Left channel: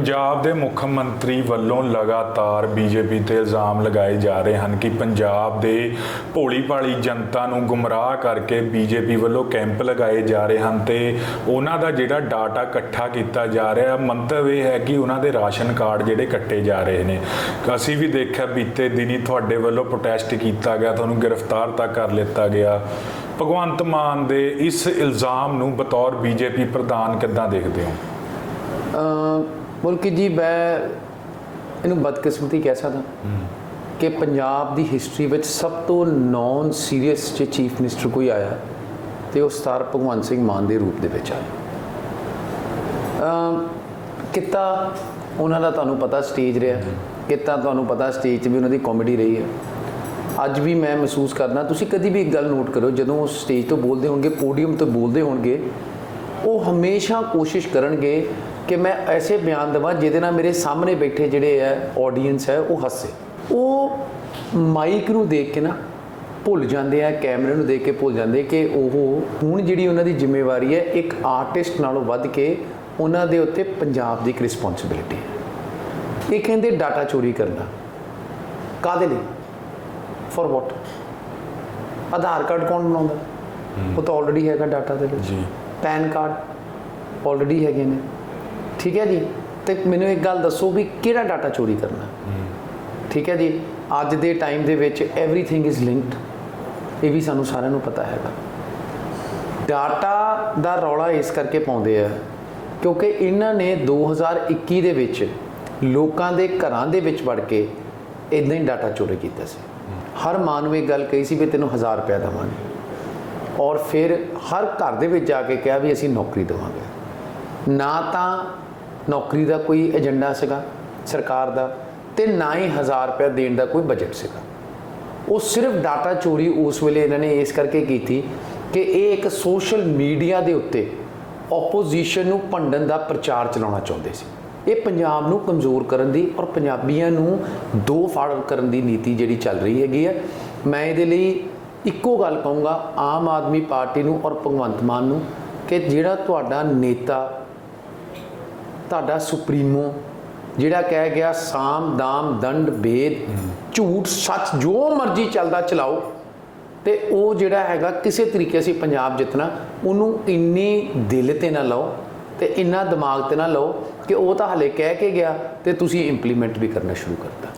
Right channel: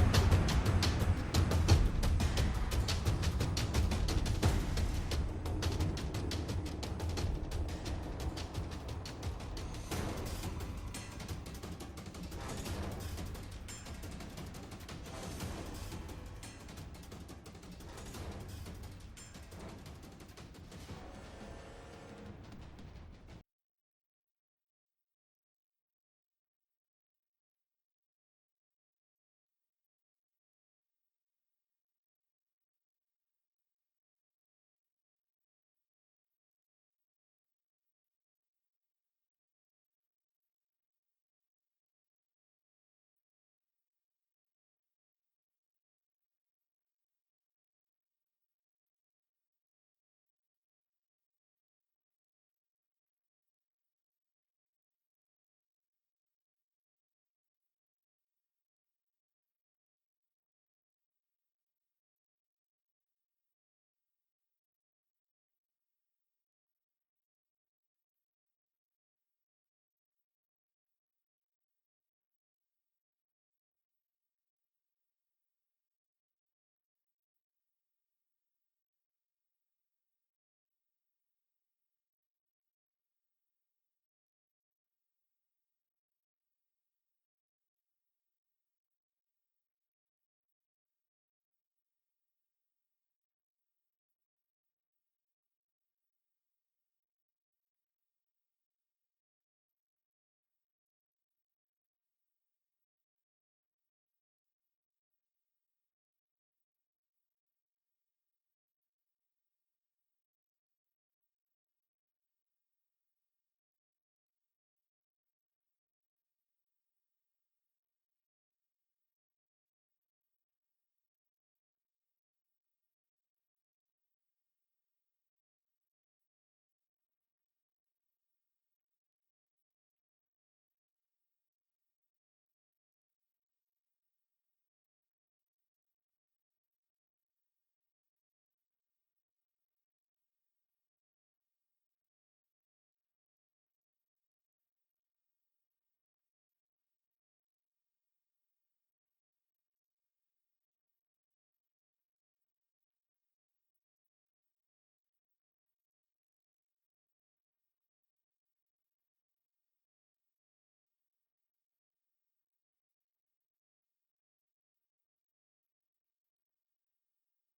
ਪੰਜਾਬ ਦੇ ਮੁੱਖ ਮੰਤਰੀ ਵੱਲੋਂ ਲਗਾਤਾਰ ਬੀਜੇਪੀ ਤੇ ਇਲਜ਼ਾਮ ਲਗਾਏ ਜਾ ਰਹੇ ਹਨ ਕਿ ਪੰਜਾਬ ਦੇ ਭੋਲੀ ਭਾਲੀ ਜਨਤਾ ਨੂੰ ਗੁੰਮਰਾਹ ਕਰਕੇ ਬੀਜੇਪੀ ਵੱਲੋਂ ਕੈਂਪ ਲਗਾਏ ਜਾ ਰਹੇ ਹਨ ਤੇ ਉਹਨਾਂ ਦਾ ਜਿਹੜਾ ਡਾਟਾ ਇਕੱਠਾ ਕੀਤਾ ਜਾ ਰਿਹਾ, ਮੰਤਵ ਇਹ ਹੈ ਕਿ ਉਹਨਾਂ ਦੇ ਰਾਸ਼ਨ ਕਾਰਡ ਜਿਹੜੇ ਕੱਟੇ ਜਾ ਰਹੇ ਨੇ। ਅਸੀਂ ਵੀ ਦੇਖਿਆ ਬੀਤੇ ਦਿਨੀ ਤੁਹਾਡੇ ਵੱਲੋਂ ਪ੍ਰੋਟੈਸਟ ਕੀਤਾ ਗਿਆ, ਤੁਹਾਨੂੰ ਗ੍ਰਿਫਤਾਰ ਤੱਕ ਕਰ ਲਿੱਤਾ ਗਿਆ। ਭਗਵੰਤ ਮਾਨ ਦੇ ਇਸ ਇਲਜ਼ਾਮ ਨੂੰ ਬਤੌਰ ਬੀਜੇਪੀ ਪ੍ਰਧਾਨ ਕਿੱਦਾਂ ਦੇਖਦੇ ਹੋ? ਮੁਲਕੀ ਜੀ, ਮੈਂ ਇਹਨੂੰ ਬਦਕਿਸਮਤੀ ਕਹਿ ਸਕਦਾ। ਕਿ ਪੰਜਾਬ ਦੀ ਹਿਸਟਰੀ ਵਿੱਚ ਸਭ ਤੋਂ ਨੌਨ ਸੀਰੀਅਸ ਜੇ ਚੀਫ ਮਿਨਿਸਟਰ ਕੋਈ ਆਇਆ, ਤੇ ਉਹ ਸਟਾਰ ਭਗਵੰਤ ਸਿੰਘ ਮਾਨ ਦੇ ਰੂਪ ਦੇ ਵਿੱਚ ਆਇਆ। ਅਮ ਕਿੱਤਾ ਉਹਨਾਂ ਦਾ ਤੁਹਾਨੂੰ ਪਤਾ ਸਟੇਜ ਰਿਹਾ। ਕਿੱਤਾ ਤੁਹਾਨੂੰ ਪਤਾ ਸਟੇਜ 'ਤੇ ਵੀ ਉਹਨਾਂ ਦੀ ਕਾਮੇਡੀ ਰਹੀ ਹੈ। ਅੱਜ ਵੀ ਮੈਂ ਮਹਿਸੂਸ ਕਰਦਾ, ਤੁਸੀਂ ਕਦੀ ਵੀ ਇੱਕ ਗੱਲ ਨੋਟ ਕਰੋ ਜਦੋਂ ਉਹ ਸਟੇਜ ਤੋਂ ਬੋਲਦੇ ਹੋਣਗੇ ਪੋਡੀਅਮ ਤੋਂ ਬੋਲਦੇ ਹੋਣਗੇ ਉਹ ਹਮੇਸ਼ਾ ਕੋਸ਼ਿਸ਼ ਕਰਨਗੇ ਕਿ ਮੈਂ ਐਸੇ ਬਿਆਨ ਦਵਾਂ ਜਿਹਦੇ ਨਾਲ ਮੇਰੇ ਸਾਹਮਣੇ ਬੈਠੇ ਜਿਹੜੇ ਹੈ ਆਡੀਅנס ਹੈ, ਉਹ ਹੱਸੇ। ਉਹ ਮਾਈਕ ਨੂੰ ਦੇਖ ਕੇ ਨਾ ਭੁੱਲ ਜਾਂਦੇ ਆ, ਕੈਮਰੇ ਨੂੰ ਦੇਖ ਕੇ ਭੁੱਲ ਜਾਂਦੇ ਕਿ ਉਹ ਹੁਣ ਜਿਹੜੀ ਉਹਨਾਂ ਦੀ ਜ਼ਿੰਮੇਵਾਰੀ ਹੈ, ਇੱਕ ਆਰਟਿਸਟ ਨਾਲੋਂ ਵੱਧ ਕੇ ਉਹਨਾਂ ਦੇ ਉੱਤੇ ਪੰਜਾਬ ਦੀ ਇੱਕ ਰਿਸਪੌਂਸਿਬਿਲਿਟੀ ਹੈ। ਇਹ ਕਹਿੰਦੇ ਡਾਟਾ ਚੋਰੀ ਕਰਨਾ। ਕਾਦੇ ਲਈ? ਫॉर ਵਾਟ ਆਧਾਰ ਕਾਰਡ ਕੌਣ ਬਣਾਉਂਦਾ? ਉਹ ਤਾਂ ਆਲਰੇਡੀ ਹੈਗਾ ਡਾਟਾ ਦੇ ਵਿੱਚ ਜੀ ਪੈਨ ਕਾਰਡ ਆਲਰੇਡੀ ਹੈਗੇ ਨੇ ਠੀਕ ਹੈ ਜੀ ਤੇ ਮੈਨੂੰ ਇੱਕ ਗੱਲ ਦੱਸੋ ਵੀ ਕਿਹੜਾ ਡਾਟਾ ਚੋਰੀ ਕਰਨਾ ਠੀਕ ਹੈ ਜੀ ਅੱਜ ਦੇ ਟਾਈਮ ਦੇ ਵਿੱਚ एवरीथिंग ਇਜ਼ ਲਿੰਕਡ ਇਹ ਵੀ ਸਾਨੂੰ ਸਾਰਿਆਂ ਨੂੰ ਪਤਾ ਹੈਗਾ ਡਾਟਾ ਦਾ ਰੌਲਾ ਇਸ ਕਰਕੇ ਪਾਉਂਦੇ ਆ ਕਿਉਂਕਿ ਇਹਨਾਂ ਨੇ 2021 ਦੇ ਵਿੱਚ ਲੋਕਾਂ ਦੇ ਘਰਾਂ ਦੇ ਵਿੱਚ ਵੜ ਕੇ ਇਦਾਂ ਹੀ ਡਾਟਾ ਚੋਰੀ ਕੀਤਾ ਸੀ ਹਰ ਮਾਂ ਨੂੰ ਇਹ ਗੱਲ ਕਹੀ ਸੀ ਵੀ ਤੈਨੂੰ 1000 ਰੁਪਏ ਦੇਵਾਂਗੇ ਔਰ ਫਿਰ ਹਰ ਘਰ ਦੇ ਵਿੱਚ ਜਾ ਕੇ ਕਿਹਾ ਵੀ ਅਸੀਂ ਨੌਕਰੀ ਦੇਵਾਂਗੇ। ਨਾ ਤਾਂ ਨੌਕਰੀ ਦਾ ਕੋਈ ਏਜੰਡਾ ਸੀਗਾ ਸਰਕਾਰ ਦਾ ਤੇ ਨਾ ਹੀ 1000 ਰੁਪਏ ਦੇਣ ਦਾ ਕੋਈ ਬਜਟ ਸੀਗਾ। ਉਹ ਸਿਰਫ ਡਾਟਾ ਚੋਰੀ ਉਸ ਵੇਲੇ ਇਹਨਾਂ ਨੇ ਇਸ ਕਰਕੇ ਕੀਤੀ ਕਿ ਇਹ ਇੱਕ ਸੋਸ਼ਲ ਮੀਡੀਆ ਦੇ ਉੱਤੇ ਆਪੋਜੀਸ਼ਨ ਨੂੰ ਭੰਡਣ ਦਾ ਪ੍ਰਚਾਰ ਚਲਾਉਣਾ ਚਾਹੁੰਦੇ ਸੀ। ਇਹ ਪੰਜਾਬ ਨੂੰ ਕਮਜ਼ੋਰ ਕਰਨ ਦੀ ਔਰ ਪੰਜਾਬੀਆਂ ਨੂੰ ਦੋ ਫਾੜ ਕਰਨ ਦੀ ਨੀਤੀ ਜਿਹੜੀ ਚੱਲ ਰਹੀ ਹੈਗੀ ਹੈ ਮੈਂ ਇਹਦੇ ਲਈ ਇੱਕੋ ਗੱਲ ਕਹੂੰਗਾ, ਆਮ ਆਦਮੀ ਪਾਰਟੀ ਨੂੰ ਔਰ ਭਗਵੰਤ ਮਾਨ ਨੂੰ ਕਿ ਜਿਹੜਾ ਤੁਹਾਡਾ ਨੇਤਾ, ਤੁਹਾਡਾ ਸੁਪਰੀਮੋ, ਜਿਹੜਾ ਕਹਿ ਗਿਆ ਸਾਮ, ਦਾਮ, ਦੰਡ, ਭੇਦ, ਝੂਠ, ਸੱਚ, ਜੋ ਮਰਜ਼ੀ ਚੱਲਦਾ ਚਲਾਓ, ਤੇ ਉਹ ਜਿਹੜਾ ਹੈਗਾ ਕਿਸੇ ਤਰੀਕੇ ਅਸੀਂ ਪੰਜਾਬ ਜਿੱਤਣਾ, ਉਹਨੂੰ ਇੰਨੀ ਦਿਲ ਤੇ ਨਾ ਲਓ ਤੇ ਇੰਨਾ ਦਿਮਾਗ ਤੇ ਨਾ ਲਓ ਕਿ ਉਹ ਤਾਂ ਹਲੇ ਕਹਿ ਕੇ ਗਿਆ ਤੇ ਤੁਸੀਂ ਇੰਪਲੀਮੈਂਟ ਵੀ ਕਰਨਾ ਸ਼ੁਰੂ ਕਰਤਾ।